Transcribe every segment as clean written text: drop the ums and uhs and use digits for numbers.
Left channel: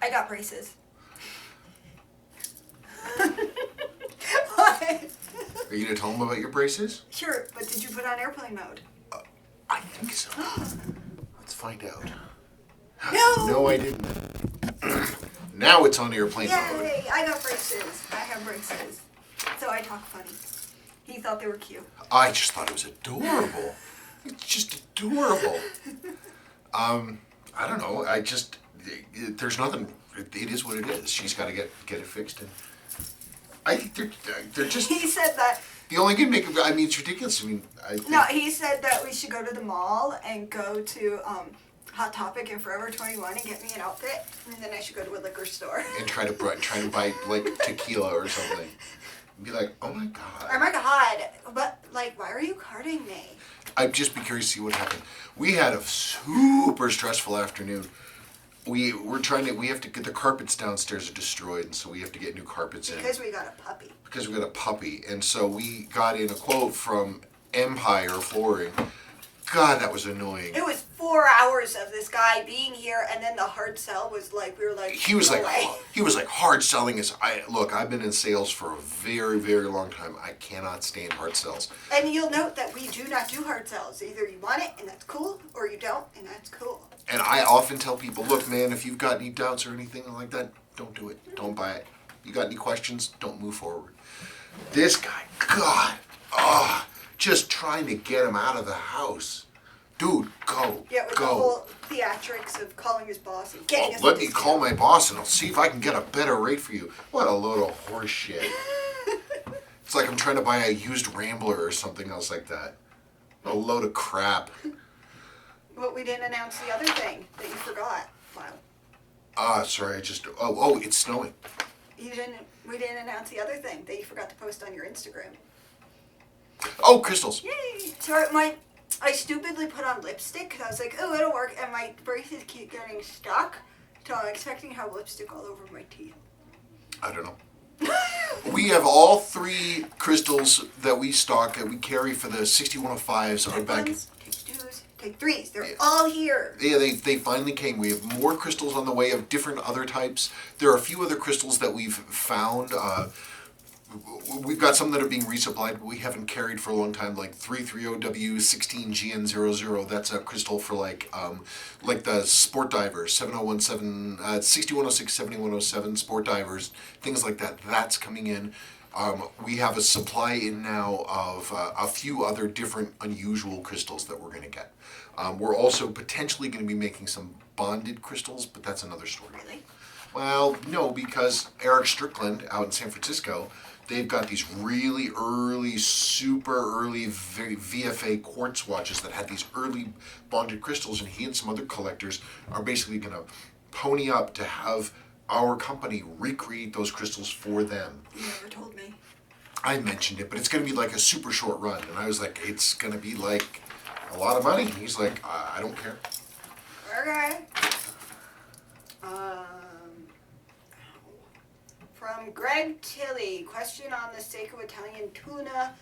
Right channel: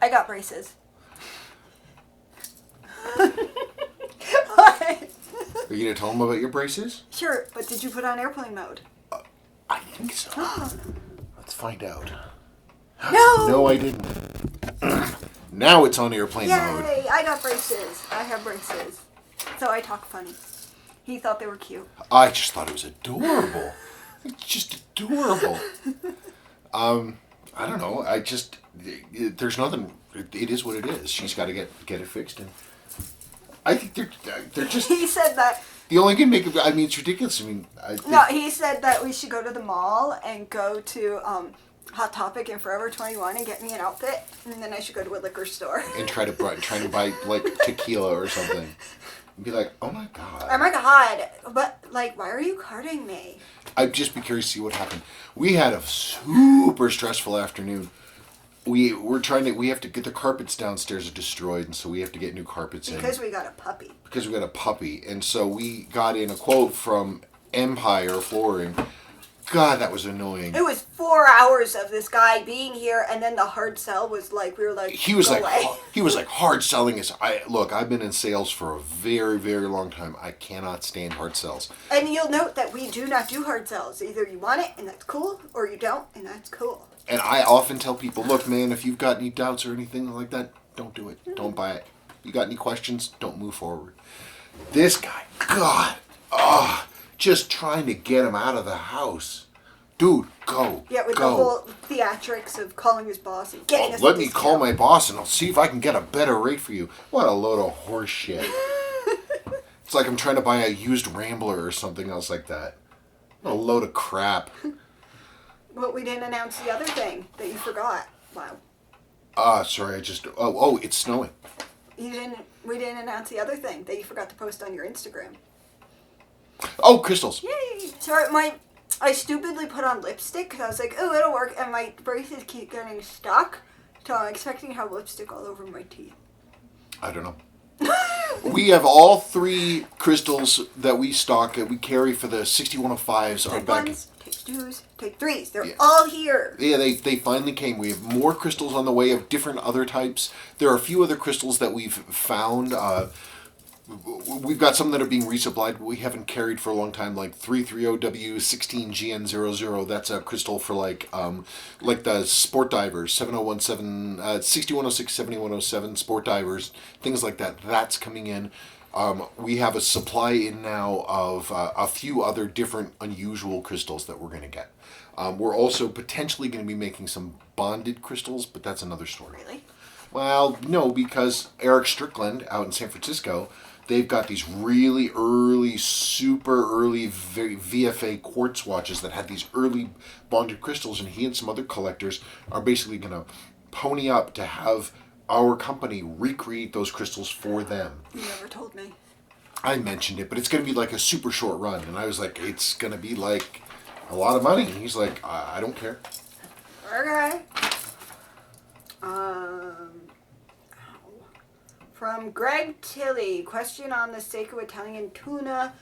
I got braces. What? Are you going to tell them about your braces? Sure, but did you put on airplane mode? I think so. Let's find out. No! No, I didn't. Now it's on airplane mode. Yay! I got braces. I have braces. So I talk funny. He thought they were cute. I just thought it was adorable. It's just adorable. I don't know. There's nothing. It is what it is. She's got to get it fixed. And I think they're just. He said that. The only can make it. I mean, it's ridiculous. I mean, No, he said that we should go to the mall and go to Hot Topic and Forever 21 and get me an outfit, and then I should go to a liquor store and try to buy like tequila or something. And be like, oh my god. Oh my god! But like, why are you carding me? I'd just be curious to see what happened. We had a super stressful afternoon. We have to get the carpets downstairs are destroyed, and so we have to get new carpets in. Because we got a puppy. And so we got in a quote from Empire Flooring. God, that was annoying. It was 4 hours of this guy being here, and then the hard sell was like, we were like, he was like hard selling is. I've been in sales for a very, very long time. I cannot stand hard sells. And you'll note that we do not do hard sells. Either you want it, and that's cool, or you don't, and that's cool. And I often tell people, look, man, if you've got any doubts or anything like that, don't do it. Don't buy it. You got any questions? Don't move forward. This guy, God, just trying to get him out of the house. Dude, go. Yeah, with go. the whole theatrics of calling his boss and getting us. Let me call my boss and I'll see if I can get a better rate for you. What a load of horse shit. It's like I'm trying to buy a used Rambler or something else like that. What a load of crap. But we didn't announce the other thing that you forgot. Wow. Sorry, it's snowing. We didn't announce the other thing that you forgot to post on your Instagram. Oh, crystals. Yay! So I stupidly put on lipstick because I was like, oh, it'll work, and my braces keep getting stuck. So I'm expecting to have lipstick all over my teeth. I don't know. We have all 3 crystals that we stock that we carry for the 6105s on back. Ones, take 2s, take 3s. They're all here. Yeah, they finally came. We have more crystals on the way of different other types. There are a few other crystals that we've found. We've got some that are being resupplied. We haven't carried for a long time, like 330W16GN00. That's a crystal for like the sport divers, 6106, 7107 sport divers, things like that. That's coming in. We have a supply in now of a few other different unusual crystals that we're going to get. We're also potentially going to be making some bonded crystals, but that's another story. Really? Well, no, because Eric Strickland out in San Francisco, they've got these really early, super early VFA quartz watches that had these early bonded crystals, and he and some other collectors are basically going to pony up to have our company recreate those crystals for them. You never told me. I mentioned it, but it's going to be like a super short run, and I was like, it's going to be like a lot of money, and he's like, I don't care. Okay. From Greg Tilley, question on the Seiko Italian tuna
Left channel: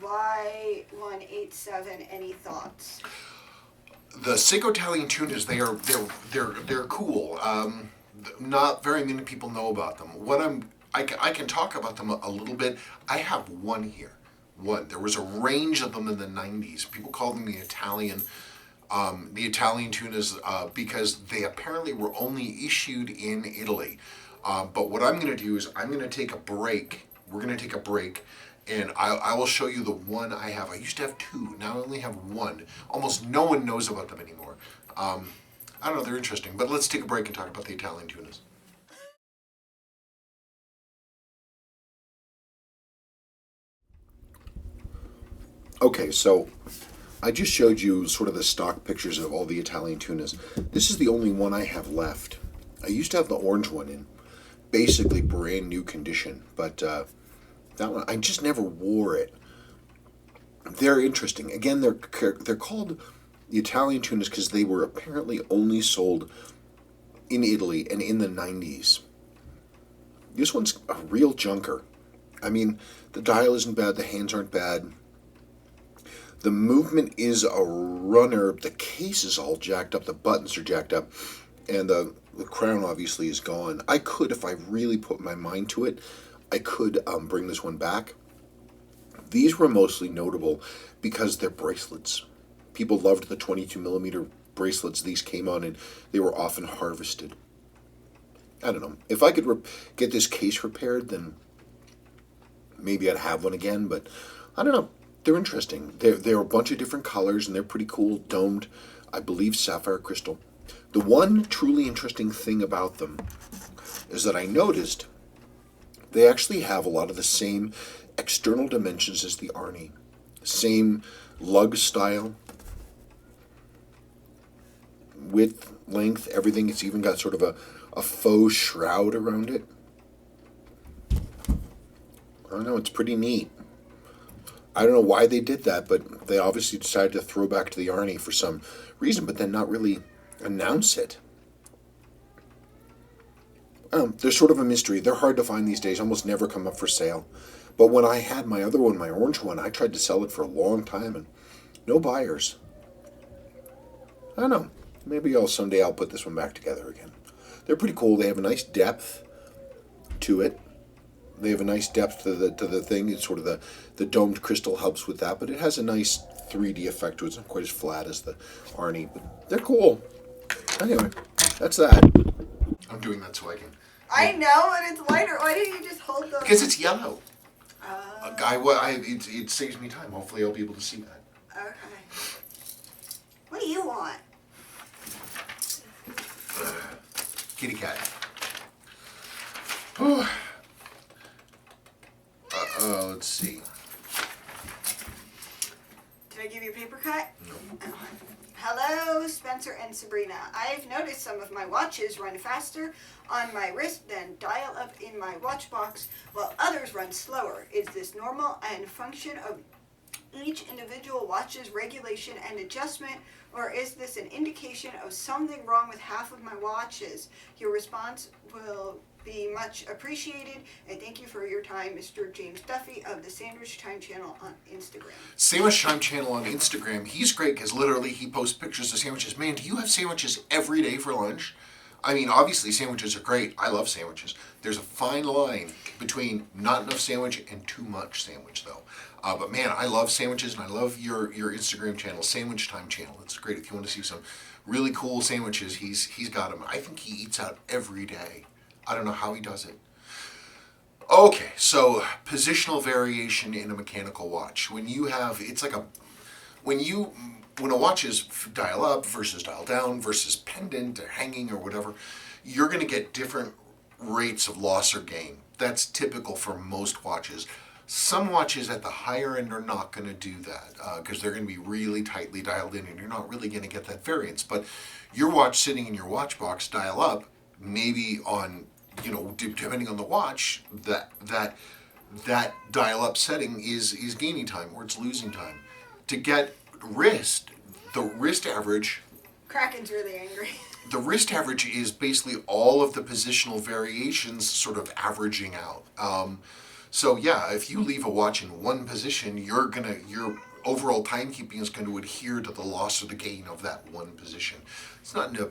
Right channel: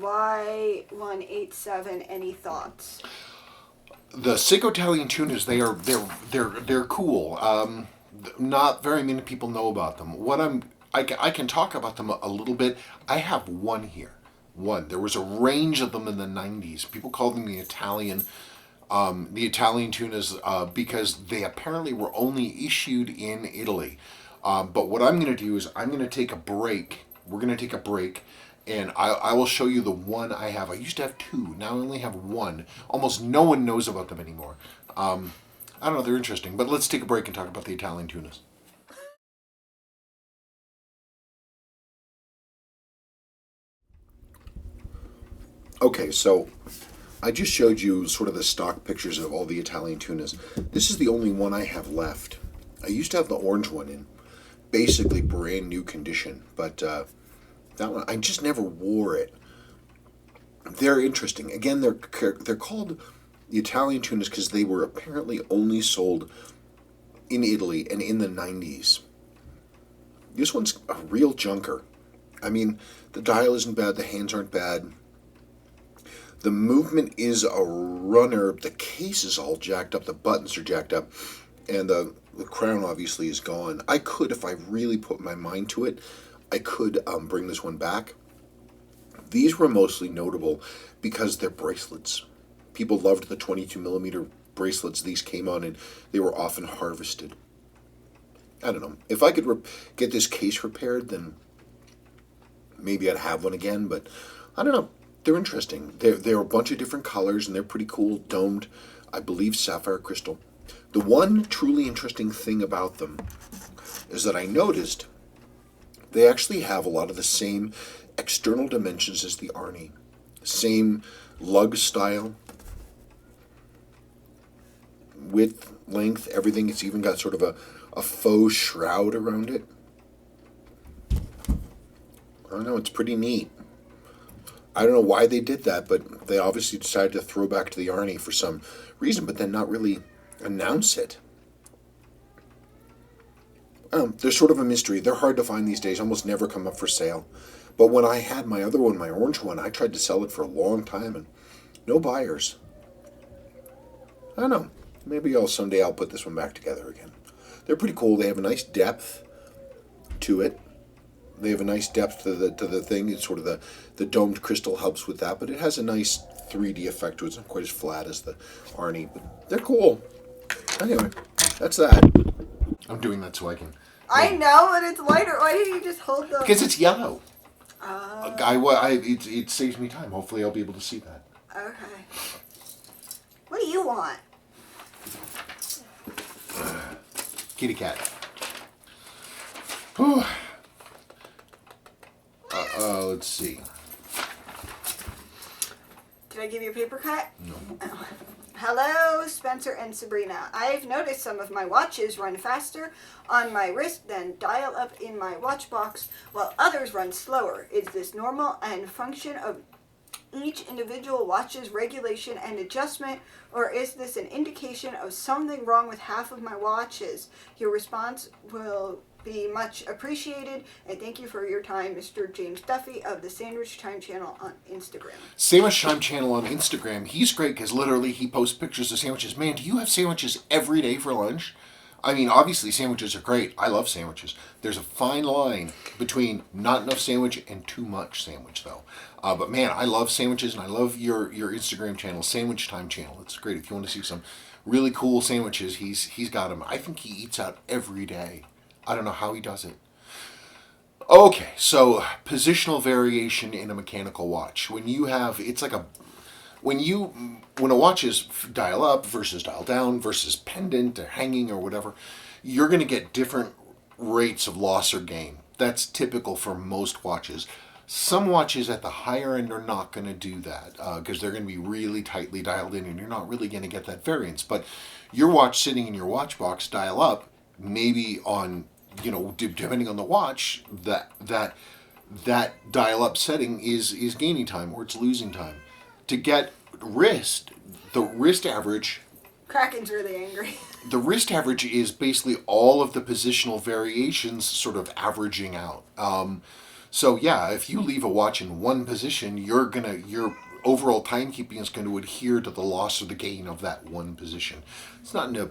Y187. Any thoughts? The Seiko Italian tunas, they're cool. Not very many people know about them. I can talk about them a little bit. I have one here. There was a range of them in the 90s. People called them the Italian tunas because they apparently were only issued in Italy. But what I'm going to do is I'm going to take a break. We're going to take a break, and I will show you the one I have. I used to have 2. Now I only have 1. Almost no one knows about them anymore. I don't know. They're interesting. But let's take a break and talk about the Italian tunas. Okay, so I just showed you sort of the stock pictures of all the Italian tunas. This is the only one I have left. I used to have the orange one in basically brand new condition, but that one, I just never wore it. They're interesting. Again, they're called the Italian tunas because they were apparently only sold in Italy and in the 90s. This one's a real junker. I mean, the dial isn't bad, the hands aren't bad. The movement is a runner. The case is all jacked up. The buttons are jacked up. And the crown obviously is gone. I could, if I really put my mind to it, I could bring this one back. These were mostly notable because they're bracelets. People loved the 22 millimeter bracelets these came on, and they were often harvested. I don't know. If I could get this case repaired, then maybe I'd have one again, but I don't know. They're interesting. They're a bunch of different colors, and they're pretty cool, domed, I believe, sapphire crystal. The one truly interesting thing about them is that I noticed they actually have a lot of the same external dimensions as the Arnie. Same lug style, width, length, everything. It's even got sort of a faux shroud around it. I don't know, it's pretty neat. I don't know why they did that, but they obviously decided to throw back to the Arnie for some reason, but then not really announce it. They're sort of a mystery. They're hard to find these days, almost never come up for sale. But when I had my other one, my orange one, I tried to sell it for a long time and no buyers. I don't know. Maybe someday I'll put this one back together again. They're pretty cool. They have a nice depth to it. They have a nice depth to the thing. It's sort of the domed crystal helps with that, but it has a nice 3D effect to it. It's not quite as flat as the Arnie, but they're cool. Anyway, that's that. I'm doing that so I can... I know, but it's lighter. Why didn't you just hold the... Because it's yellow. It saves me time. Hopefully I'll be able to see that. Okay. What do you want? Kitty cat. Let's see. Did I give you a paper cut? No. Oh. Hello, Spencer and Sabrina. I've noticed some of my watches run faster on my wrist than dial up in my watch box, while others run slower. Is this normal and function of each individual watch's regulation and adjustment, or is this an indication of something wrong with half of my watches? Your response will be much appreciated, and thank you for your time, Mr. James Duffy of the Sandwich Time channel on Instagram. Sandwich Time channel on Instagram. He's great because literally he posts pictures of sandwiches. Man, do you have sandwiches every day for lunch? I mean, obviously sandwiches are great. I love sandwiches. There's a fine line between not enough sandwich and too much sandwich, though. But man, I love sandwiches, and I love your Instagram channel, Sandwich Time channel. It's great. If you want to see some really cool sandwiches, he's got them. I think he eats out every day. I don't know how he does it. Okay, so positional variation in a mechanical watch. When a watch is dial up versus dial down versus pendant or hanging or whatever, you're going to get different rates of loss or gain. That's typical for most watches. Some watches at the higher end are not going to do that because they're going to be really tightly dialed in, and you're not really going to get that variance. But your watch sitting in your watch box dial up, maybe on, depending on the watch, that dial up setting is gaining time or it's losing time. To get the wrist average... Kraken's really angry. The wrist average is basically all of the positional variations sort of averaging out. So yeah, if you leave a watch in one position, your overall timekeeping is going to adhere to the loss or the gain of that one position. It's not a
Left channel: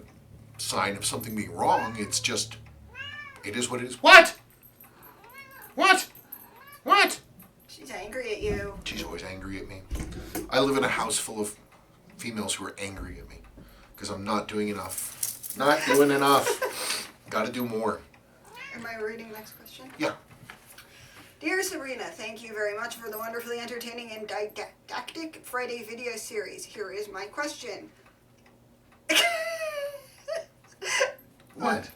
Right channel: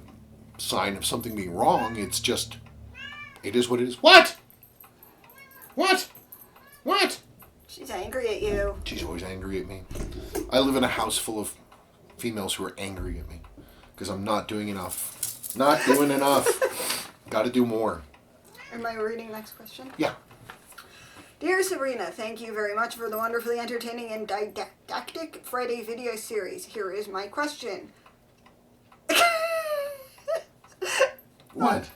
sign of something being wrong. It's just, it is what it is. What? She's angry at you. She's always angry at me. I live in a house full of females who are angry at me because I'm not doing enough. Not doing enough. Got to do more. Am I reading next question? Yeah. Dear Sabrina, thank you very much for the wonderfully entertaining and didactic Friday video series. Here is my question. What?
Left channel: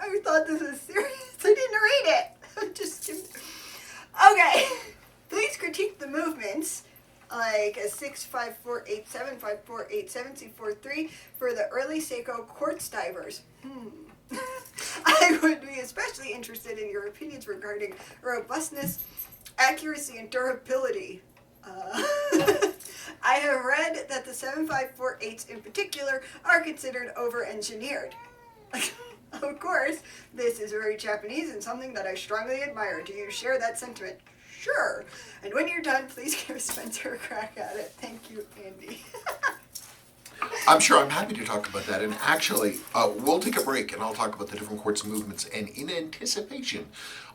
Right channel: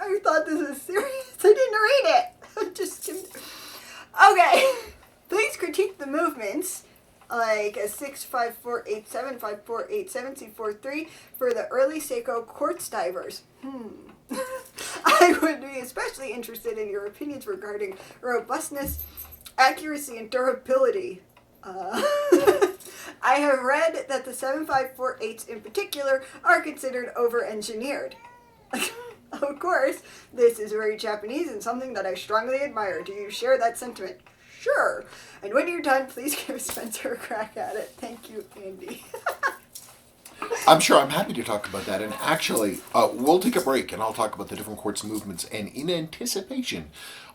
I thought this was serious. I didn't read it. I'm just kidding. Okay. Please critique the movements, like a 65487, 5487, C43 for the early Seiko quartz divers. I would be especially interested in your opinions regarding robustness, accuracy, and durability. I have read that the 7548s in particular are considered over-engineered. Of course, this is very Japanese and something that I strongly admire. Do you share that sentiment? Sure. And when you're done, please give Spencer a crack at it. Thank you, Andy. I'm sure I'm happy to talk about that. And actually, we'll take a break and I'll talk about the different quartz movements. And in anticipation,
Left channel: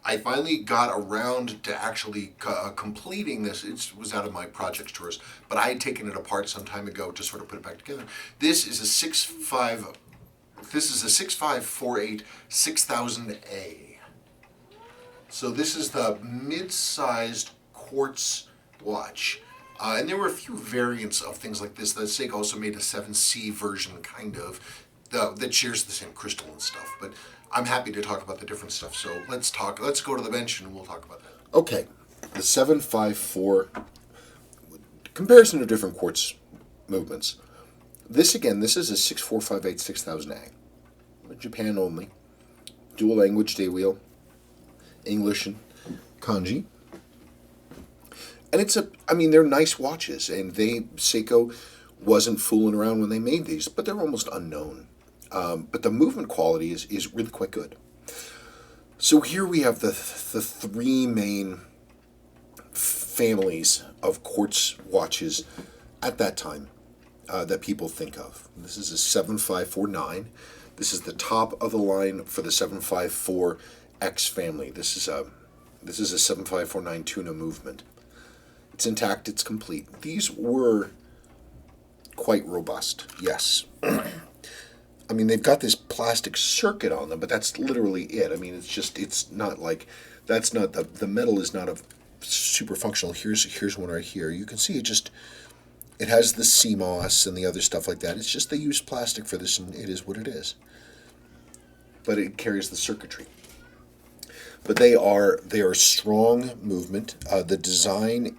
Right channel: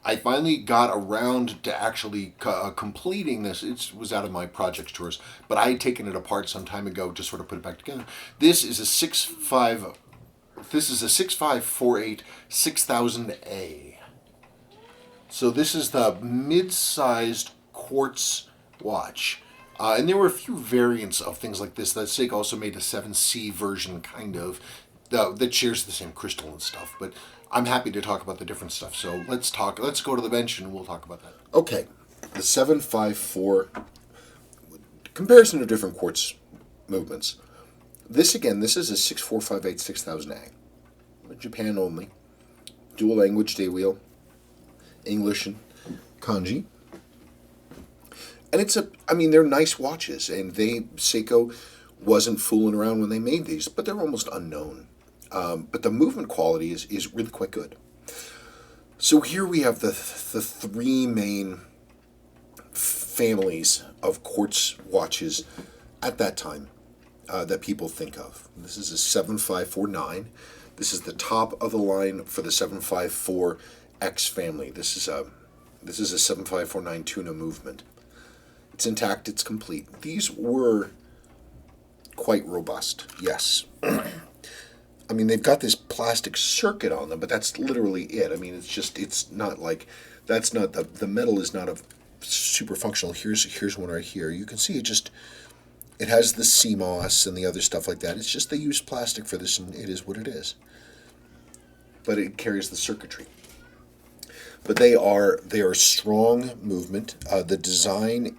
I finally got around to actually completing this. It was out of my projects tours, but I had taken it apart some time ago to sort of put it back together. This is a 6548 6000A. So this is the mid-sized quartz watch. And there were a few variants of things like this. That Seiko also made a 7C version, kind of, that shares the same crystal and stuff. But I'm happy to talk about the different stuff. So let's go to the bench and we'll talk about that. Okay, the 754, comparison of different quartz movements. This is a 6458 6000A. Japan only. Dual language day wheel. English and kanji. And they're nice watches, and Seiko wasn't fooling around when they made these, but they're almost unknown. But the movement quality is really quite good. So here we have the three main families of quartz watches at that time that people think of. This is a 7549. This is the top of the line for the 754X family. This is a 7549 Tuna movement. It's intact, it's complete. These were quite robust, yes. I mean, they've got this plastic circuit on them, but that's literally it. I mean, it's not like, that's not, the metal is not a super functional. Here's one right here. You can see it has the CMOS and the other stuff like that. It's just they use plastic for this, and it is what it is. But it carries the circuitry. But they are strong movement. The design,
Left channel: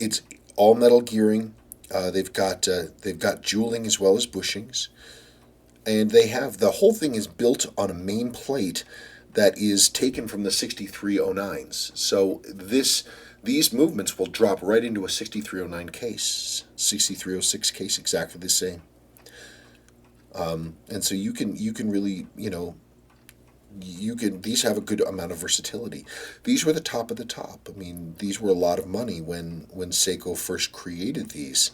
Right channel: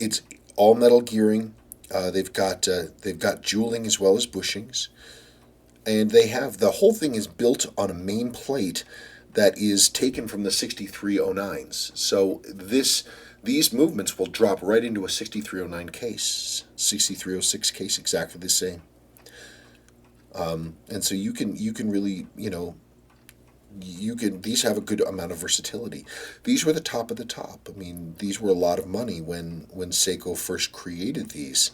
it's all metal gearing. They've got jeweling as well as bushings, and the whole thing is built on a main plate that is taken from the 6309s. So these movements will drop right into a 6309 case, 6306 case, exactly the same. And so you can really, these have a good amount of versatility. These were the top of the top. I mean, these were a lot of money when Seiko first created these.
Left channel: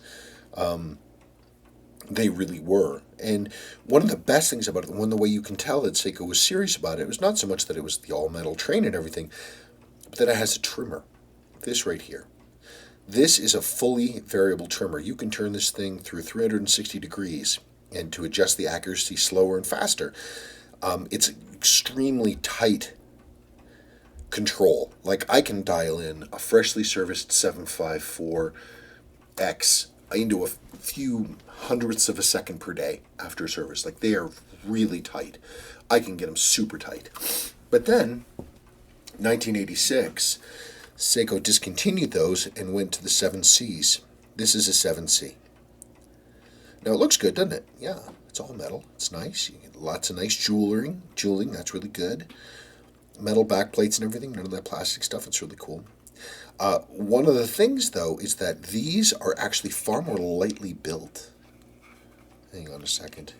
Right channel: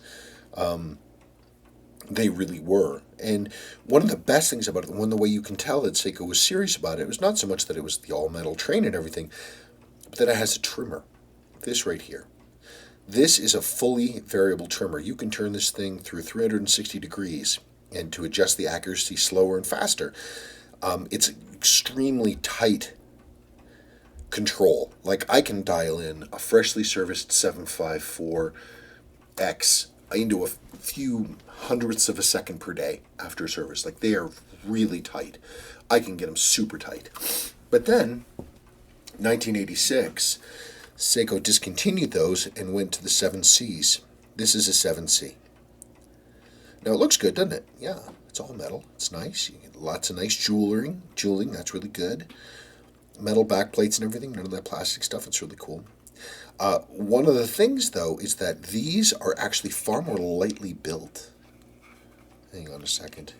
They really were. And one of the best things about it, the way you can tell that Seiko was serious about it, was not so much that it was the all-metal train and everything, but that it has a trimmer. This right here. This is a fully variable trimmer. You can turn this thing through 360 degrees and to adjust the accuracy slower and faster. It's extremely tight control. Like, I can dial in a freshly serviced 754X into a few hundredths of a second per day after service. Like, they are really tight. I can get them super tight. But then, 1986, Seiko discontinued those and went to the 7Cs. This is a 7C. Now, it looks good, doesn't it? Yeah, it's all metal. It's nice. You get lots of nice jeweling. That's really good. Metal backplates and everything. None of that plastic stuff. It's really cool. One of the things, though, is that these are actually far more lightly built. Hang on a second.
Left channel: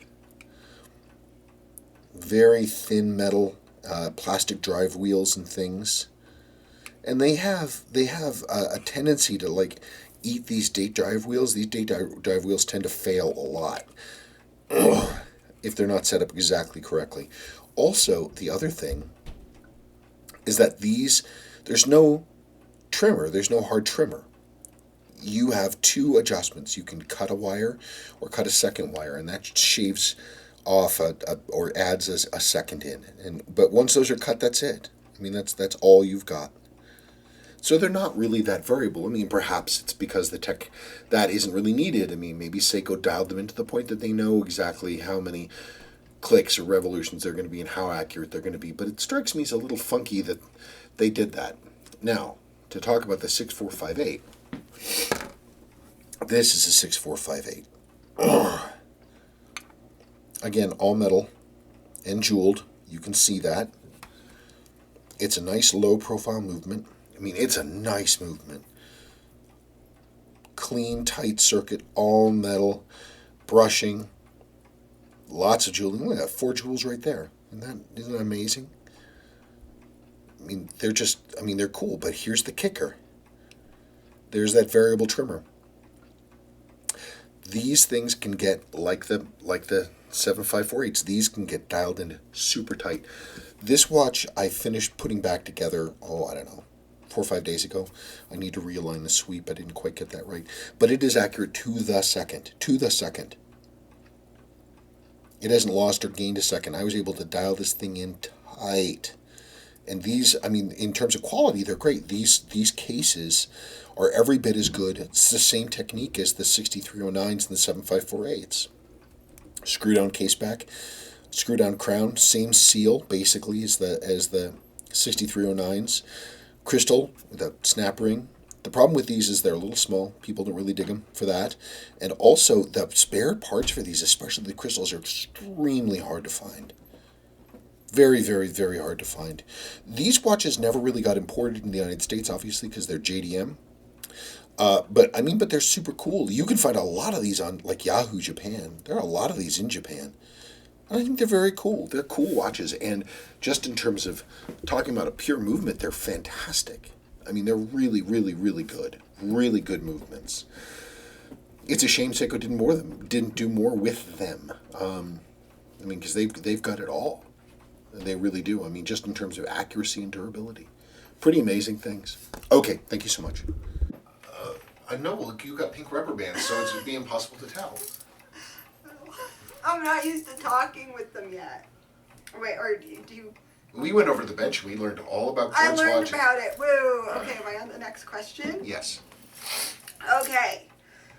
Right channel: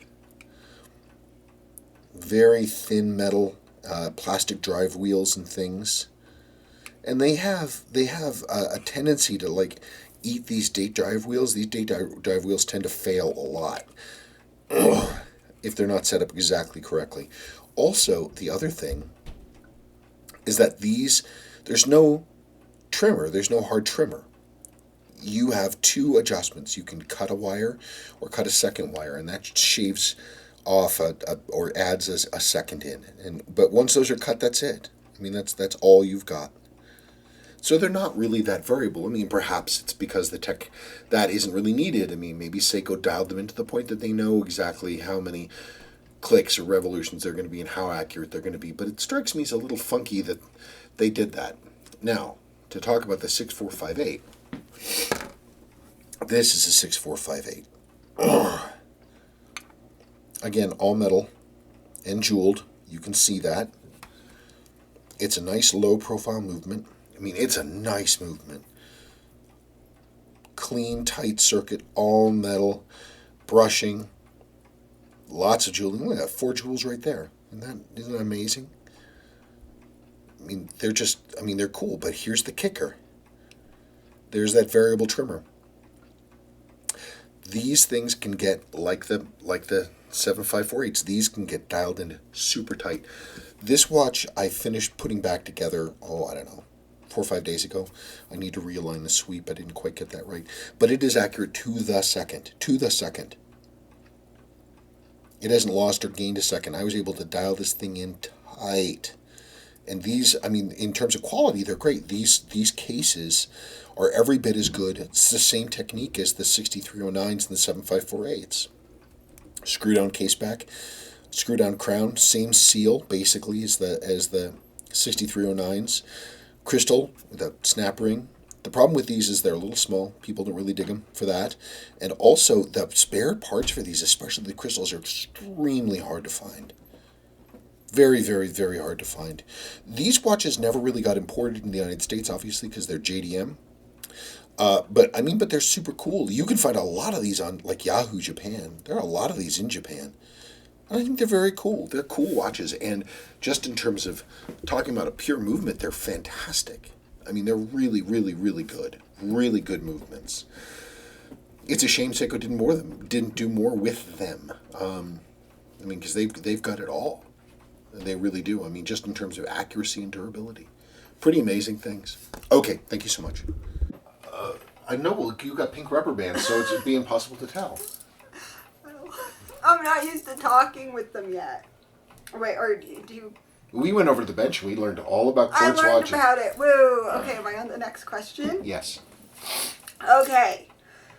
Very thin metal, plastic drive wheels and things. And they have a tendency to, eat these date drive wheels. These date drive wheels tend to fail a lot if they're not set up exactly correctly. Also, the other thing is that there's no trimmer, there's no hard trimmer. You have two adjustments. You can cut a wire or cut a second wire, and that shaves off or adds a second in. But once those are cut, that's it. I mean, that's all you've got. So they're not really that variable. I mean, perhaps it's because the tech that isn't really needed. I mean, maybe Seiko dialed them into the point that they know exactly how many clicks or revolutions they're going to be and how accurate they're going to be. But it strikes me as a little funky that they did that. Now, to talk about the 6458, this is a 6458. Again, all metal and jeweled. You can see that. It's a nice low profile movement. I mean, it's a nice movement. Clean, tight circuit, all metal, brushing, lots of jewelry. Look at that, 4 jewels right there. Isn't that amazing? I mean, they're cool, but here's the kicker. There's that variable trimmer. these things can get, like the 7548s, these can get dialed in super tight. This watch I finished putting back together, I don't know, 4 or 5 days ago. I need to realign the sweep. I didn't quite get that right. But it is accurate to the second. To the second. It hasn't lost or gained a second. I was able to dial this thing in tight. And these, I mean, in terms of quality, they're great. These cases are every bit as good. It's the same technique as the 6309s and the 7548s. Screw down case back, screw down crown, same seal basically as the 6309s. Crystal with a snap ring. The problem with these is they're a little small. People don't really dig them for that. And also, the spare parts for these, especially the crystals, are extremely hard to find. Very, very, very hard to find. These watches never really got imported in the United States, obviously, because they're JDM. But they're super cool. You can find a lot of these on, like, Yahoo Japan. There are a lot of these in Japan. I think they're very cool. They're cool watches. And just in terms of talking about a pure movement, they're fantastic. I mean, they're really, really, really good. Really good movements. It's a shame Seiko didn't do more with them. Because they've got it all. They really do. I mean, just in terms of accuracy and durability. Pretty amazing things. Okay, thank you so much. I know, look, you got pink rubber bands, so it'd be impossible to tell. I'm not used to talking with them yet. Wait, or do you... We went over to the bench and we learned all about quartz watches. I learned about it. Woo! Okay, am I on the next question? Yes. Okay.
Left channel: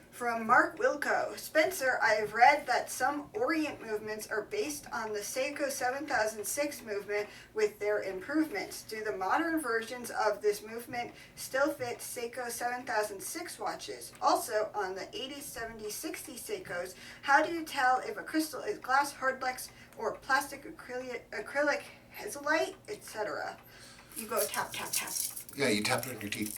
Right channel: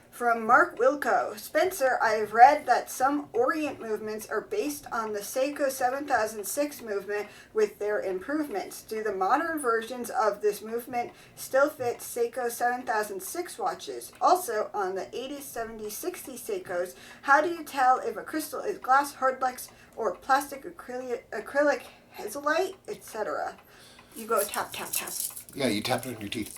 From Mark Wilco. Spencer, I've read that some Orient movements are based on the Seiko 7006 movement with their improvements. Do the modern versions of this movement still fit Seiko 7006 watches? Also, on the 80s, 70s, 60s Seikos, how do you tell if a crystal is glass, hardlex, or plastic acrylic hazellite, etc.? You go tap, tap, tap. Yeah, you tap it on your teeth.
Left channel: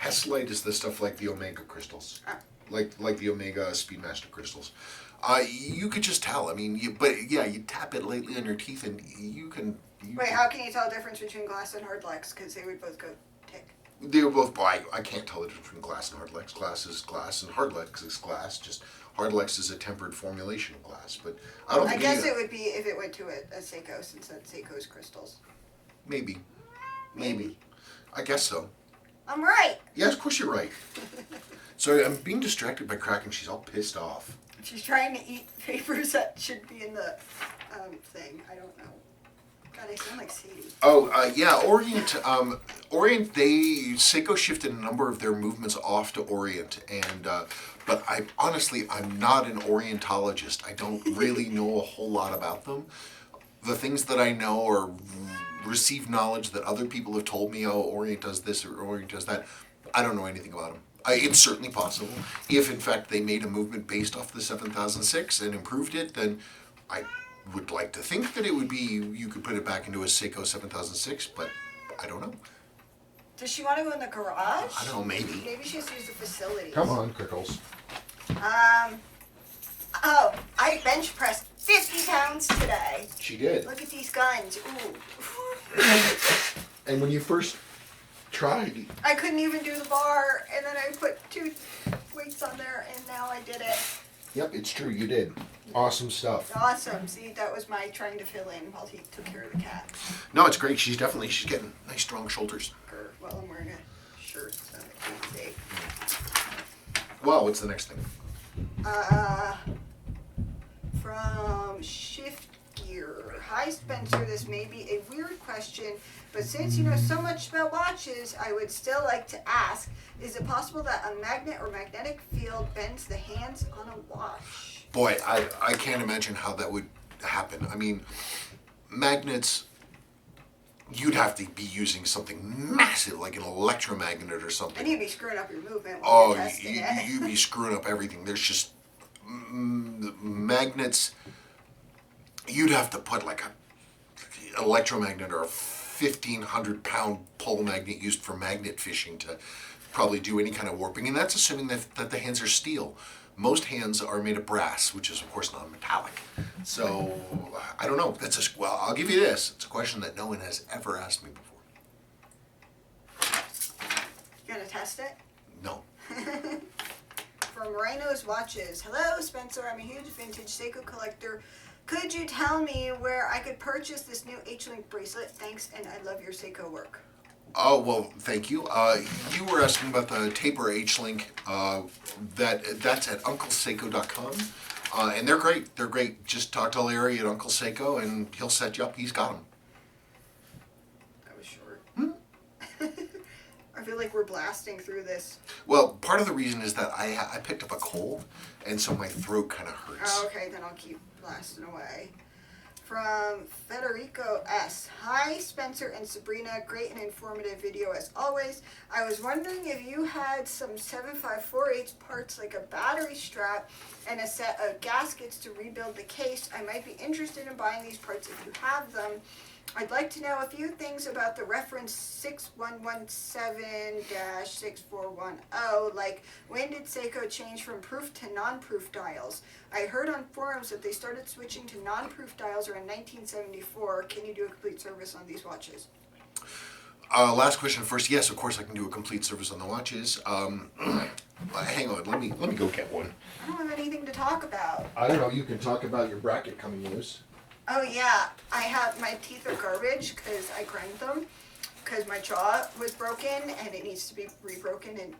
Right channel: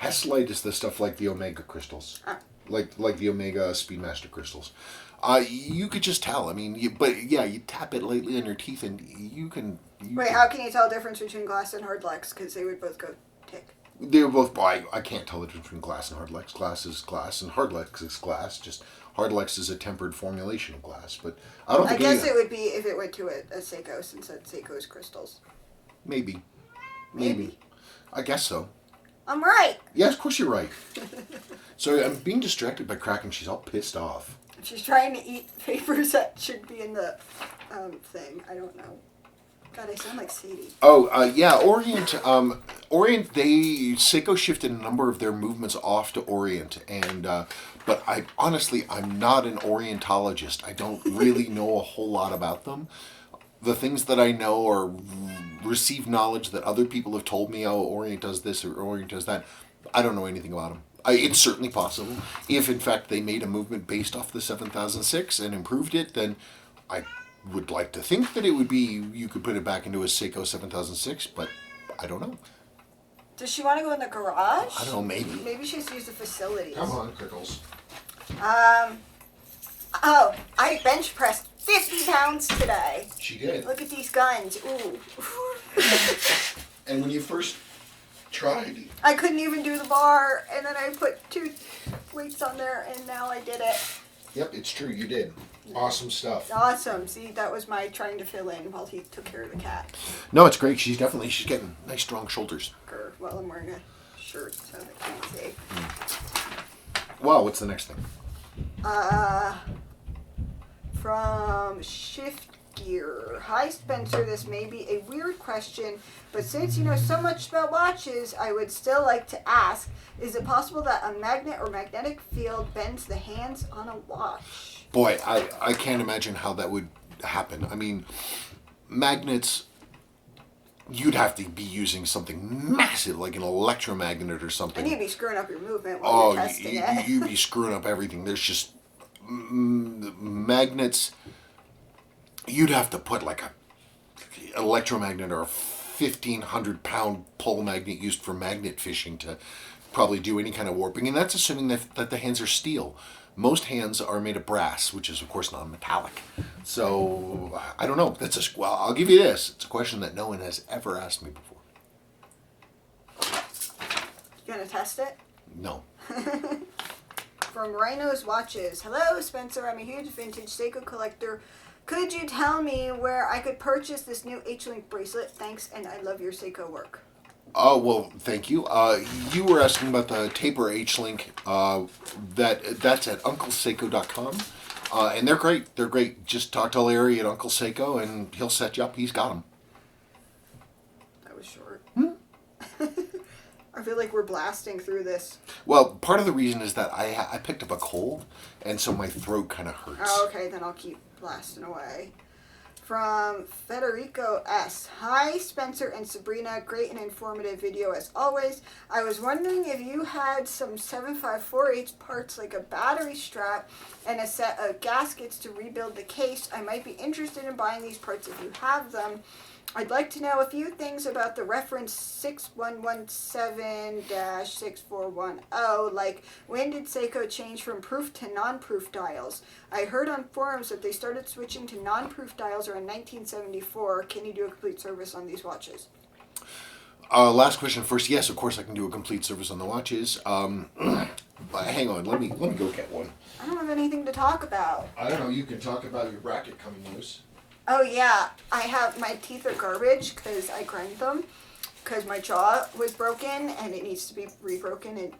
Hazellite is the stuff like the Omega crystals. Like the Omega Speedmaster crystals. You could just tell. I mean, you tap it lightly on your teeth and you can... Wait, how can you tell the difference between glass and hardlex? Because they would both go tick. They were both... I can't tell the difference between glass and hardlex. Glass is glass and hardlex is glass. Just hardlex is a tempered formulation of glass. But I don't think... I guess it would be if it went to a Seiko, since that Seiko is crystals. Maybe. I guess so. I'm right. Yeah, of course you're right. So I'm being distracted by Kraken. She's all pissed off. She's trying to eat papers that should be in the thing. I don't know. God, I sound like Sadie. Orient. Seiko shifted a number of their movements off to Orient, and but I'm not an Orientologist. I don't really know a whole lot about them. The things that I know are received knowledge that other people have told me. Oh, Orient does this or Orient does that. I don't know anything about them. It's certainly possible. If, in fact, they made a movement based off the 7006 and improved it, then I would like to think that it would be, you could put it back into a Seiko 7006, but I don't know. Does she want to go in the garage? I don't know, maybe. Maybe she has to use the facilities. Come on, Crickles. I bench pressed 50 pounds today. She did. Look at these guns. Ooh. And when you first tried... I couldn't even do the bar, and then I put 2 weights on there, and now I did it. Yep, it's true, you did. Awesome stuff. Awesome. See, that was my trying to fill in while he took care of the cat. No, it's great. She's getting nice, strong shoulders. Well, I'm wearing a shirt, so I can't see. Well, what's the next thing? From Shift Gear. Hi, Spencer. This may be a weird question, but since you know so much about watches, I would still like to ask, is it possible that a magnet or magnetic field bends the hands on a watch? Boy, I can't imagine how that would happen. I mean, magnets, you'd have to be using something massive, like an electromagnet or something. And you'd be screwing up your movement while you're testing it. You'd be screwing up everything. There's just magnets. You'd have to put like a electromagnet or a 1,500-pound pole magnet used for magnet fishing to probably do any kind of warping, and that's assuming that the hands are steel. Most hands are made of brass, which is of course non-metallic. So I don't know. I'll give you this. It's a question that no one has ever asked me before. You gonna test it? No. from Rhino's Watches. Hello, Spencer. I'm a huge vintage Seiko collector. Could you tell me where I could purchase this new H-Link bracelet? Thanks, and I love your Seiko work. Oh, well, thank you. You were asking about the taper H-Link. That's at uncleseiko.com. And they're great. They're great. Just talk to Larry at Uncle Seiko, and he'll set you up. He's got them. That was short. I feel like we're blasting through this. Well, part of the reason is that I picked up a cold, and so my throat kind of hurts. Oh, okay, then I'll keep blasting away. From Federico S. Hi, Spencer and Sabrina. Great and informative video as always. I was wondering if you had some 7548 parts like a battery strap and a set of gaskets to rebuild the case. I might be interested in buying these parts if you have them. I'd like to know a few things about the reference 6117-6410, like when did Seiko change from proof to non-proof dials? I heard on forums that they started switching to non-proof dials around 1974. Can you do a complete service on these watches? Last question first. Yes, of course I can do a complete service on the watches. Hang on, let me go get one. I don't have anything to talk about. I don't know. You can talk about your bracket coming loose. Oh yeah, I have, my teeth are garbage because I grinded them because my jaw was broken and it needs to be rebroken and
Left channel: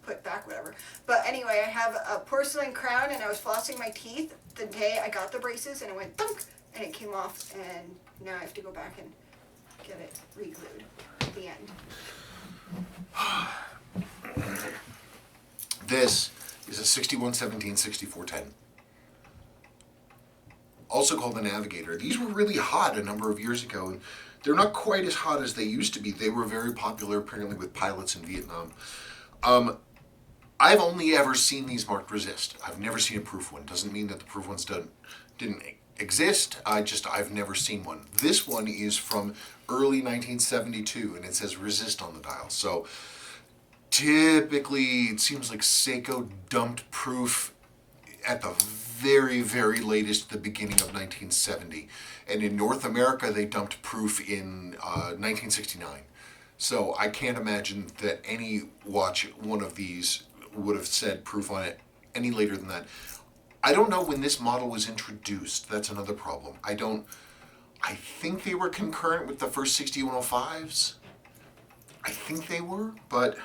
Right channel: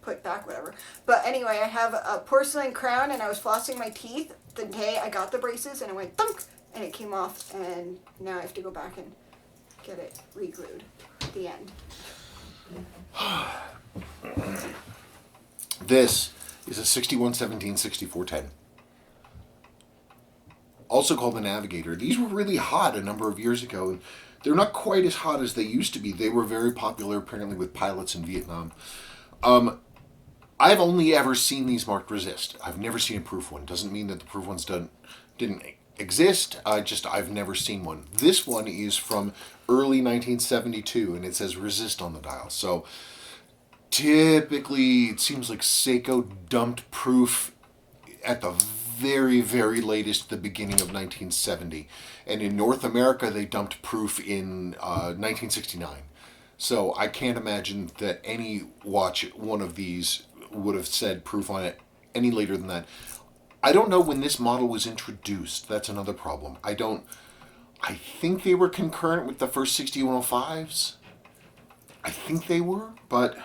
put back, whatever. But anyway, I have a porcelain crown and I was flossing my teeth the day I got the braces and it went thunk and it came off and now I have to go back and get it re-glued at the end. This is a 6117-6410. Also called the Navigator. These were really hot a number of years ago, and they're not quite as hot as they used to be. They were very popular, apparently, with pilots in Vietnam. I've only ever seen these marked resist. I've never seen a proof one. Doesn't mean that the proof ones didn't exist. I've never seen one. This one is from early 1972, and it says resist on the dial. So typically, it seems like Seiko dumped proof at the very, very latest, the beginning of 1970. And in North America, they dumped proof in 1969. So I can't imagine that any watch, one of these, would have said proof on it any later than that. I don't know when this model was introduced. That's another problem. I think they were concurrent with the first 6105s. I think they were, but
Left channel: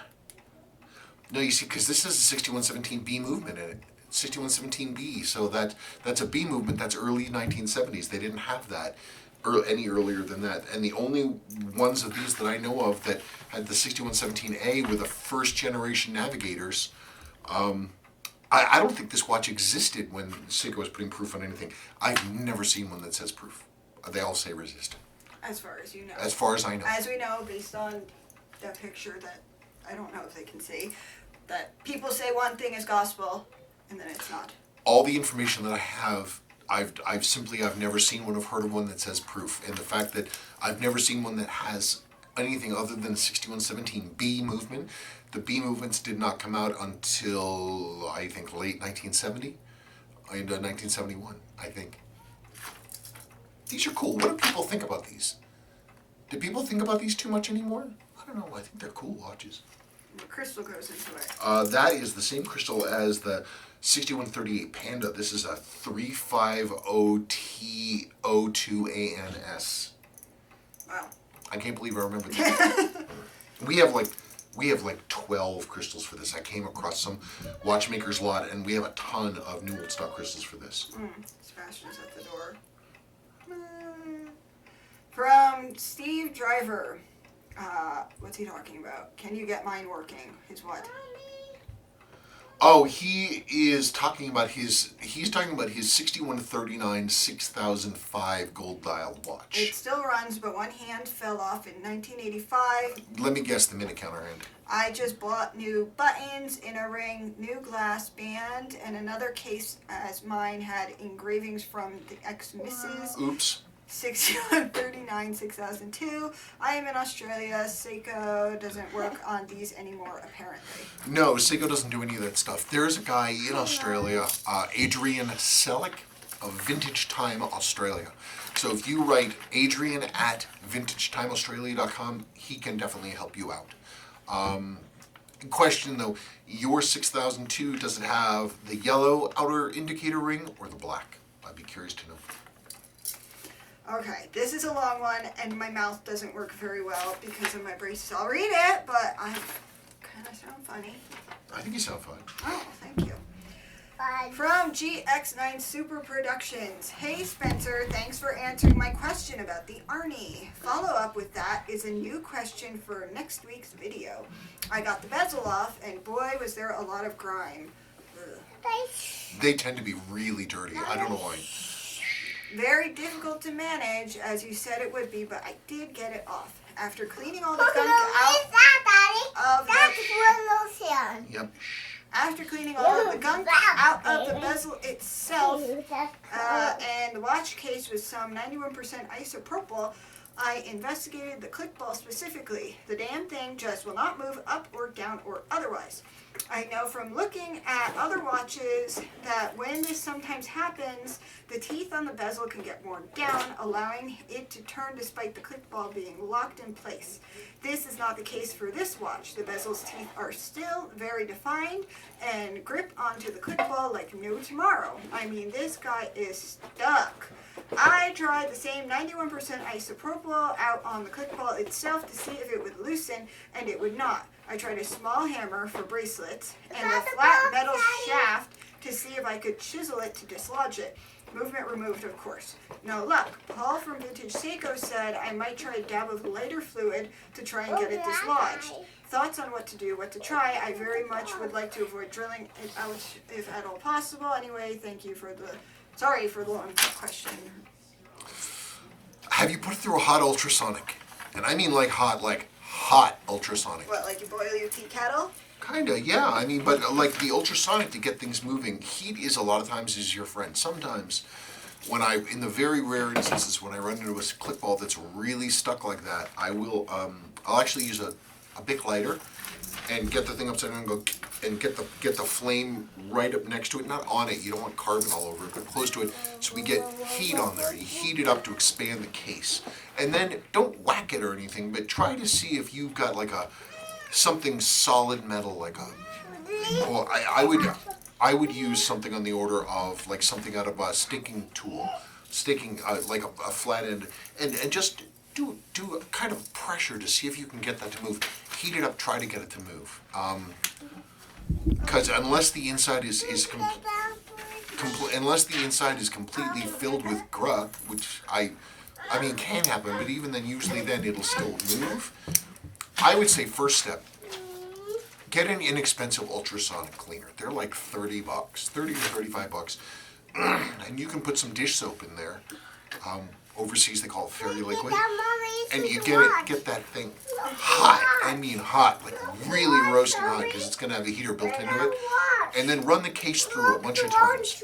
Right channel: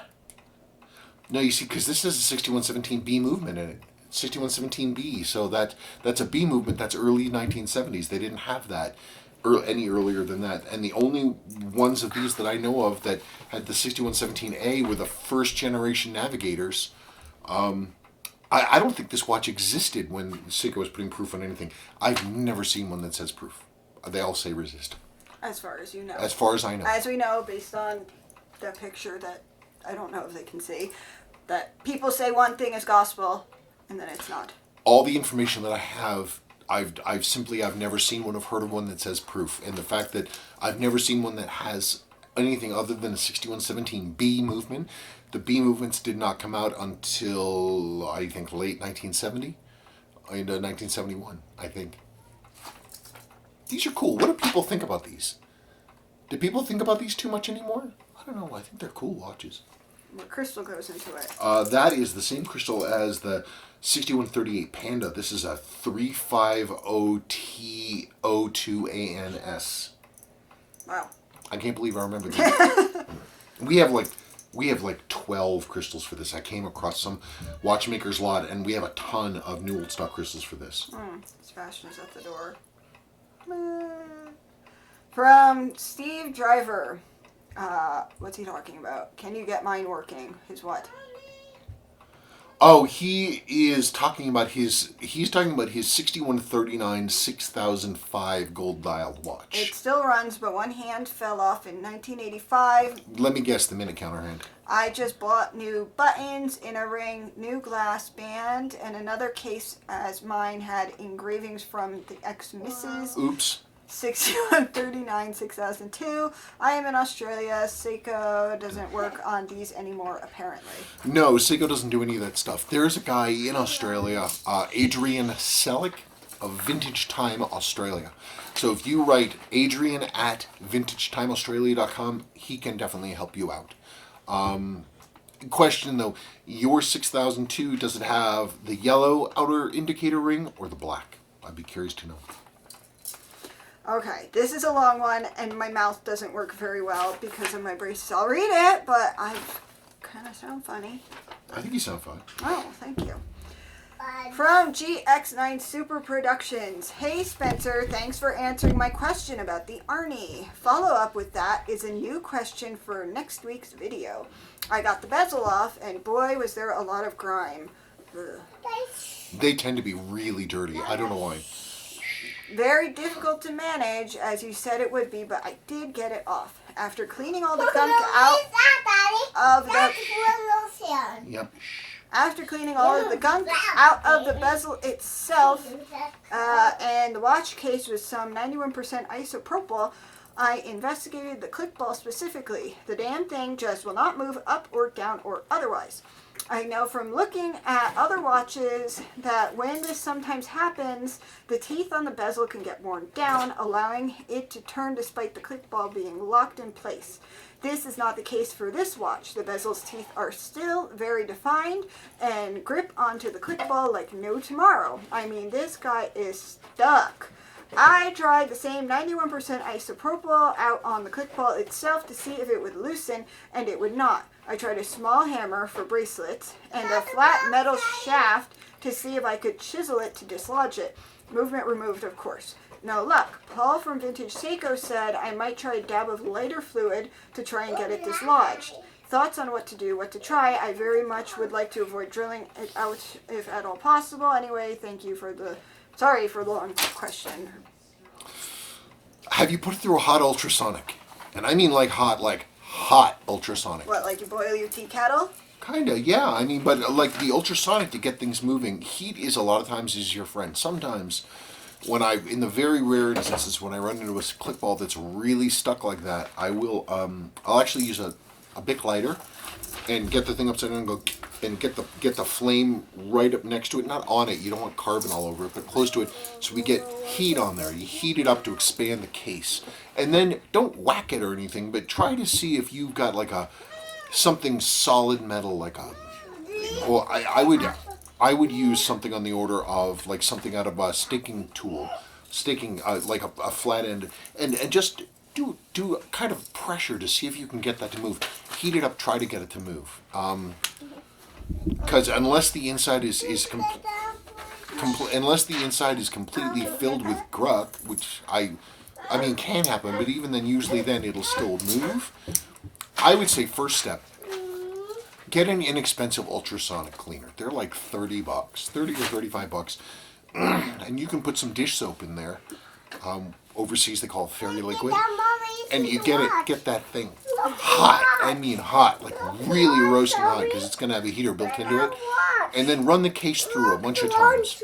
no, you see, because this is a 6117B movement in it. 6117B, so that's a B movement. That's early 1970s. They didn't have that any earlier than that. And the only ones of these that I know of that had the 6117A were the first generation Navigators. I don't think this watch existed when Seiko was putting proof on anything. I've never seen one that says proof. They all say resist. As far as you know. As far as I know. As we know, based on the picture that I don't know if they can see, that people say one thing is gospel, and then it's not. All the information that I have, I've never seen one, I've heard of one that says proof. And the fact that I've never seen one that has anything other than a 6117B movement. The B movements did not come out until, I think, late 1970, into 1971, I think. These are cool. What do people think about these? Do people think about these too much anymore? I don't know. I think they're cool watches. What crystal goes into it? That is the same crystal as the 6138 Panda. This is a 350T02ANS. Wow. I can't believe I remember that. We have like 12 crystals for this. I came across some watchmaker's lot, and we have a ton of new old stock crystals for this. Sebastian's at the door. From Steve Driver. What's he talking about? Can you get mine working? His what? Oh, he is talking about his 6139 6005 gold dialed watch. It still runs, but one hand fell off in 1985. Let me guess the minute counter hand. I just bought new buttons, inner ring, new glass band, and another case as mine had engravings from the ex-missus. Oops. 6139 6002. I am in Australia. Seiko doesn't work on these anymore, apparently. No, Seiko doesn't do any of that stuff. There's a guy in Australia, Adrian Selick of Vintage Time Australia. So if you write Adrian at vintagetimeaustralia.com, he can definitely help you out. Question though, your 6002, does it have the yellow outer indicator ring or the black? I'd be curious to know. Okay, this is a long one, and my mouth doesn't work very well because of my braces. I'll read it, but I kind of sound funny. I think you sound fine. Oh, thank you. From GX9 Super Productions. Hey Spencer, thanks for answering my question about the Arnie. Follow up with that is a new question for next week's video. I got the bezel off, and boy, was there a lot of grime. Ugh. They tend to be really dirty. I don't know why. Very difficult to manage, as you said it would be, but I did get it off. After cleaning all the gunk out of the... Yep. After cleaning all of the gunk out of the bezel itself, and the watch case with some 91% isopropyl, I investigated the click ball specifically. The damn thing just will not move up or down or otherwise. I know from looking at other watches that when this sometimes happens, the teeth on the bezel can get worn down, allowing it to turn despite the click ball being locked in place. This is not the case for this watch. The bezel's teeth are still very defined and grip onto the click ball like no tomorrow. I mean, this guy is stuck. I tried the same 91% isopropyl out on the click ball itself to see if it would loosen, and it would not. I tried a small hammer for bracelets and a flat metal shaft to see if I could chisel it to dislodge it. Movement removed, of course. No luck. Paul from Vintage Seiko said I might try a dab of lighter fluid to try and get it dislodged. Thoughts on what to do, what to try? I very much would like to avoid drilling it out if at all possible. Anyway, thank you for the... Sorry for the long question. Have you put it through a hot ultrasonic? And I mean like hot ultrasonic. What, like you boil your tea kettle? Kinda, yeah. I mean, but like the ultrasonic to get things moving, heat is a lot of times is your friend. Sometimes, in the very rare instances when I run into a click ball that's really stuck like that, I will, I'll actually use a Bic lighter and get the thing upside down and go and get the flame right up next to it, not on it. You don't want carbon all over it, but close to it, so we get heat on there. You heat it up to expand the case, and then don't whack it or anything, but try to see if you've got like something solid metal, like well, I would use something on the order of like something out of a staking tool, like a flat end, and just do a kind of pressure to see if you can get that to move. Heat it up, try to get it to move. Because unless the inside is completely filled with gruck, which I mean can happen, but even then, usually then it'll still move. I would say first step, get an inexpensive ultrasonic cleaner. They're like $30, $30 or $35, and you can put some dish soap in there. Overseas they call it fairy liquid, and you get that thing hot. I mean hot, like really roasting hot, because it's going to have a heater built into it. And then run the case through a bunch of times.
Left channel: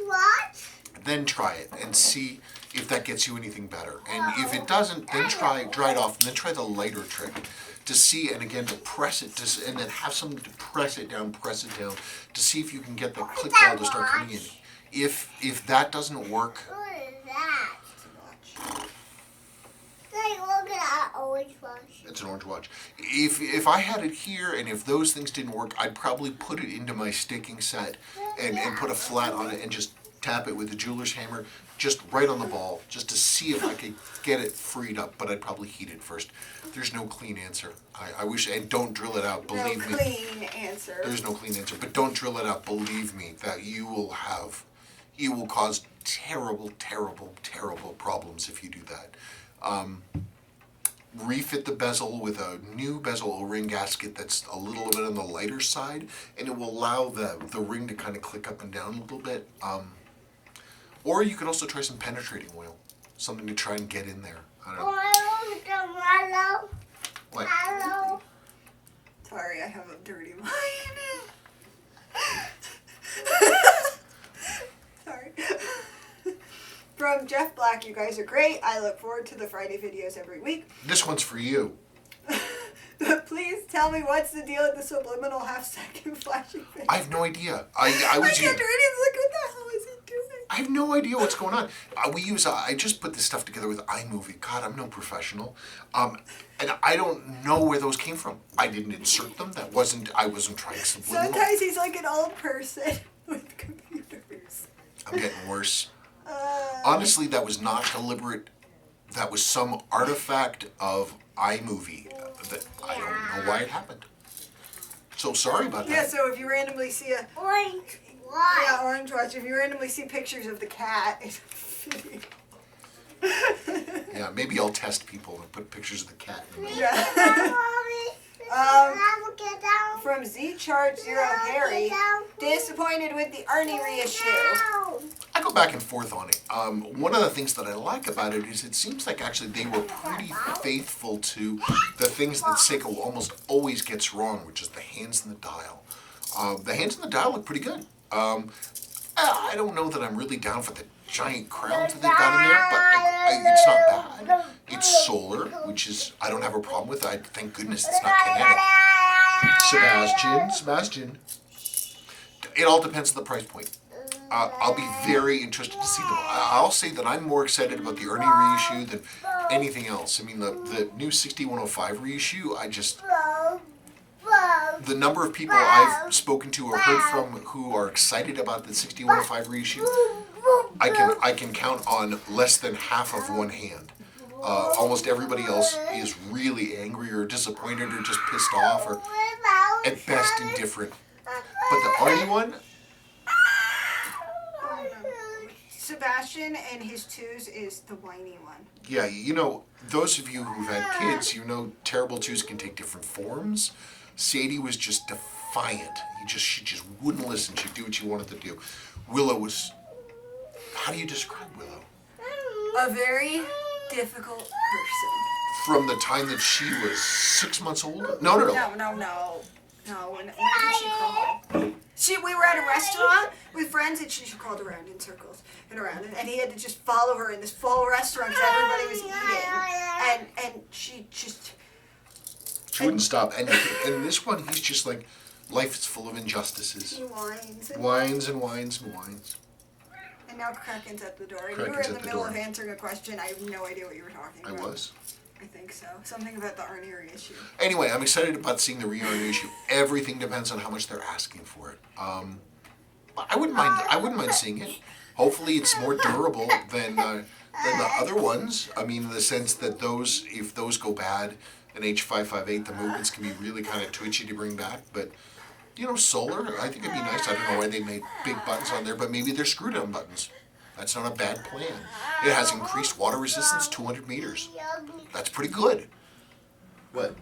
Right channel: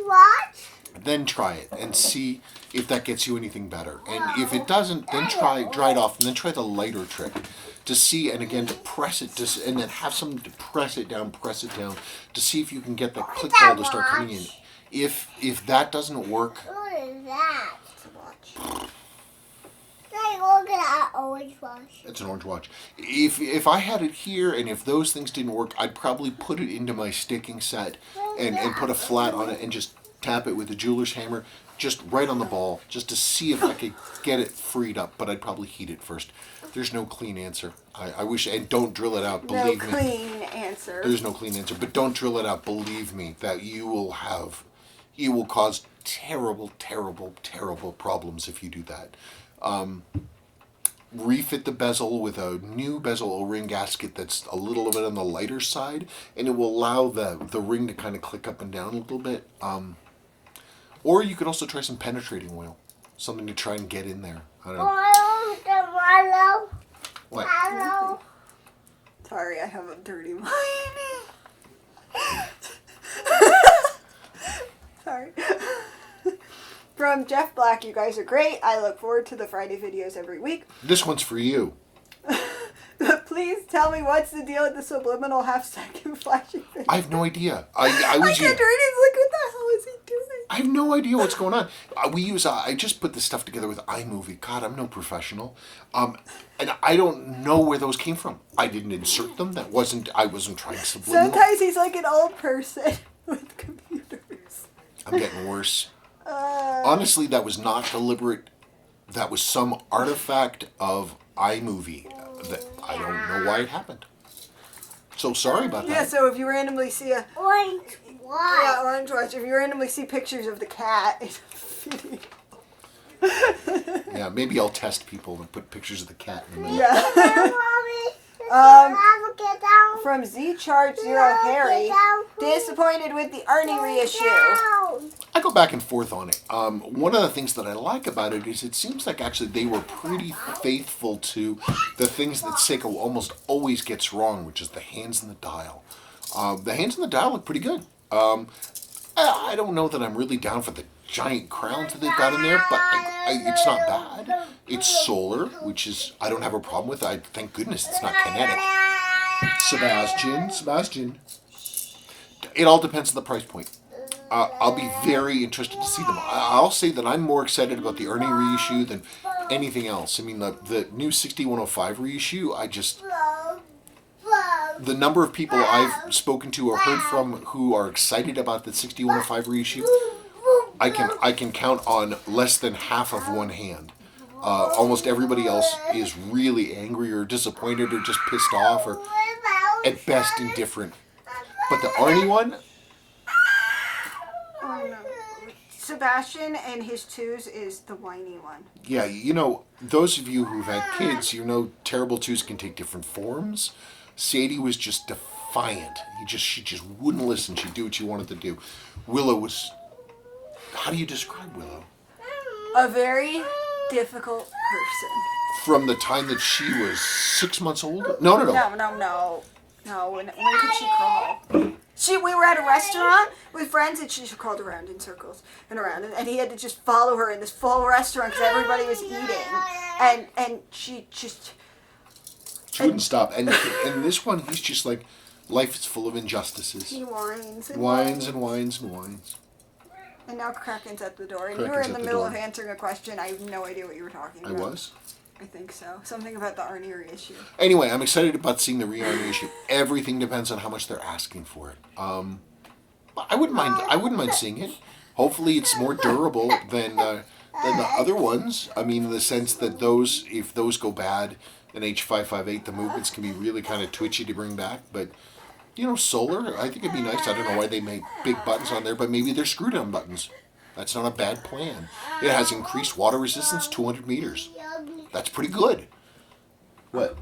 Then try it and see if that gets you anything better. And if it doesn't, then dry it off, and then try the lighter trick to see, and again to press it, and then have someone to press it down to see if you can get that click ball to start coming in. If that doesn't work. What is that? It's an orange watch. If I had it here, and if those things didn't work, I'd probably put it into my staking set and put a flat on it and just tap it with a jeweler's hammer, just right on the ball, just to see if I could get it freed up. But I'd probably heat it first. There's no clean answer. I wish, and don't drill it out. Believe me. No clean answer. There's no clean answer, but don't drill it out. Believe me that you will cause terrible, terrible, terrible problems if you do that. Refit the bezel with a new bezel O-ring gasket that's a little bit on the lighter side, and it will allow the ring to kind of click up and down a little bit. Or you could also try some penetrating oil, something to try and get in there. I don't know. What? Sorry, I have a dirty mind. Sorry. From Jeff Black, you guys are great. I look forward to the Friday videos every week. This one's for you. Please tell me what's the deal with the subliminal half-second flashing thing. I have no idea. I was I kept reading, like, what the hell is he doing? I have no idea what's going on. I just put this stuff together with iMovie. God, I'm no professional. And I don't know where those came from. I didn't insert them. I wasn't trying subliminal. Sometimes he's like an old person with computers. I'm getting worse. Honestly, that was not deliberate. That was some artifact of iMovie that I don't know why it happened. So sorry about that. Yeah, so if you randomly see a... Orange watch. Yeah, orange watch. If you randomly see pictures of the cat, it's a video. Yeah, maybe I'll test people and put pictures of the cat in the middle. Yeah. From Z Charge Zero Harry, disappointed with the Arnie reissue. I go back and forth on it. One of the things that I like about it is it seems like actually they were pretty faithful to the things that Seiko almost always gets wrong, which is the hands and the dial. The hands and the dial look pretty good. I don't know that I'm really down for the giant crowns that they've got in there, but it's not bad. It's solar, which is, I don't have a problem with. Thank goodness it's not kinetic. Sebastian. It all depends on the price point. I'll be very interested to see them. I'll say that I'm more excited about the Arnie reissue than anything else. I mean, the new 6105 reissue, the number of people I've spoken to or heard from who are excited about the 6105 reissue, I can count on less than half of one hand. Almost everybody else is really angry or disappointed or just pissed off or at best indifferent. But the Arnie one, Sebastian and his twos is the whiny one. yeah, you know, those of you who've had kids, you know terrible twos can take different forms. Sadie was just defiant. She just wouldn't listen. She'd do what you wanted to do. Willow was, how do you describe Willow? A very difficult person. From the time that she was 6 months old? No. No, when could she crawl? We were at a restaurant with friends and she crawled around in circles and around and he had to just follow her in this full restaurant because everybody was eating. And she just... She wouldn't stop. And this one, he's just like, life is full of injustices. He whines. Whines. And now Kraken's at the door. And Kraken's you were in at the the middle door. of answering a question. I have no idea what you were talking I about. was? I think so. Something about the Arnie reissue. Anyway, I'm excited about seeing the re-Arnie issue. Everything depends on how much they're asking for it. I wouldn't mind seeing it. Hopefully it's more durable than the other ones. I mean, in the sense that if those go bad, an H558, the movements can be really kind of twitchy to bring back. But, you know, solar, I think it'd be nice. I don't know why they made big buttons on there, but maybe they're screw-down buttons. That's not a bad plan. It has increased water resistance, 200 meters. That's pretty good. What?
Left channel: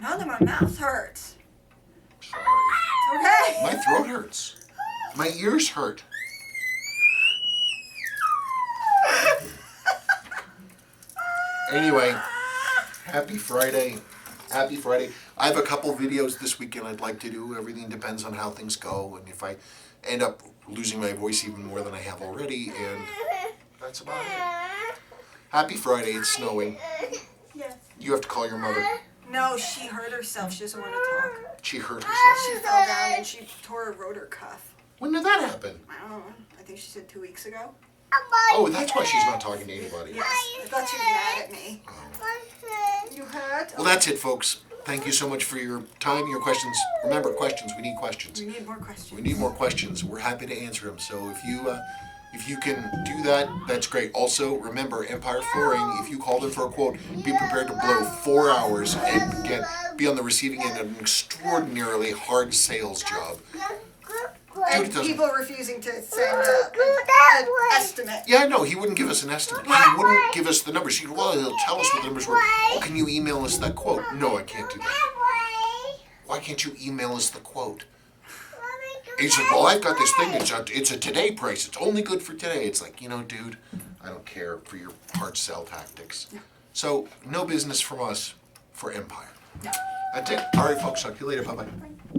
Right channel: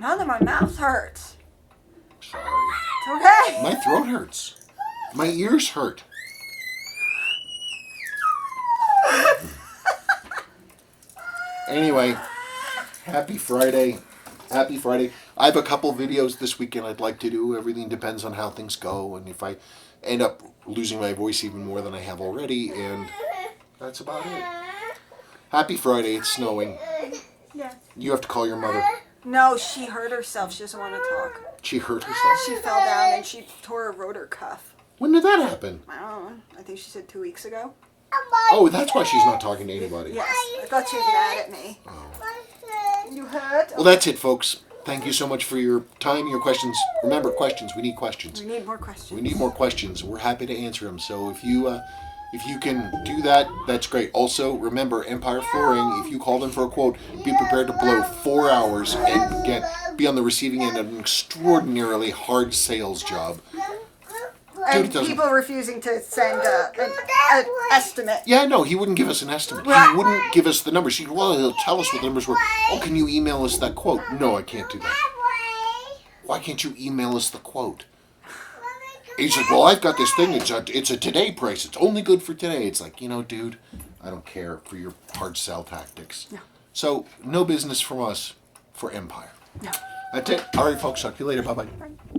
Now that my mouth hurts. Sorry. It's okay. My throat hurts. My ears hurt. Anyway, happy Friday. Happy Friday. I have a couple videos this weekend I'd like to do. Everything depends on how things go and if I end up losing my voice even more than I have already, and that's about it. Happy Friday. It's snowing. Yes. You have to call your mother. No, she hurt herself. She doesn't want to talk. She hurt herself? She fell down and she tore a rotor cuff. When did that happen? I don't know. I think she said 2 weeks ago. Oh, that's why she's not talking to anybody. Yes. I thought she was mad at me. Oh. You hurt? Well, that's it, folks. Thank you so much for your time, your questions. Remember, questions. We need questions. We need more questions. We need more questions. We're happy to answer them. So if you can do that, that's great. Also, remember, Empire Flooring, if you call them for a quote, be prepared to blow 4 hours and be on the receiving end of an extraordinarily hard sales job. And Dude, people refusing to send an estimate. Yeah, no, he wouldn't give us an estimate. He wouldn't give us the numbers. He'll tell us what the numbers were. Oh, can you email us that quote? No, I can't do that. Why can't you email us the quote? He said, well, I've got this thing. It's a today price. It's only good for today. It's like, you know, dude, I don't care for your hard sell tactics. No. So, no business from us for Empire. No. That's it. All right, folks. Talk to you later. Bye-bye.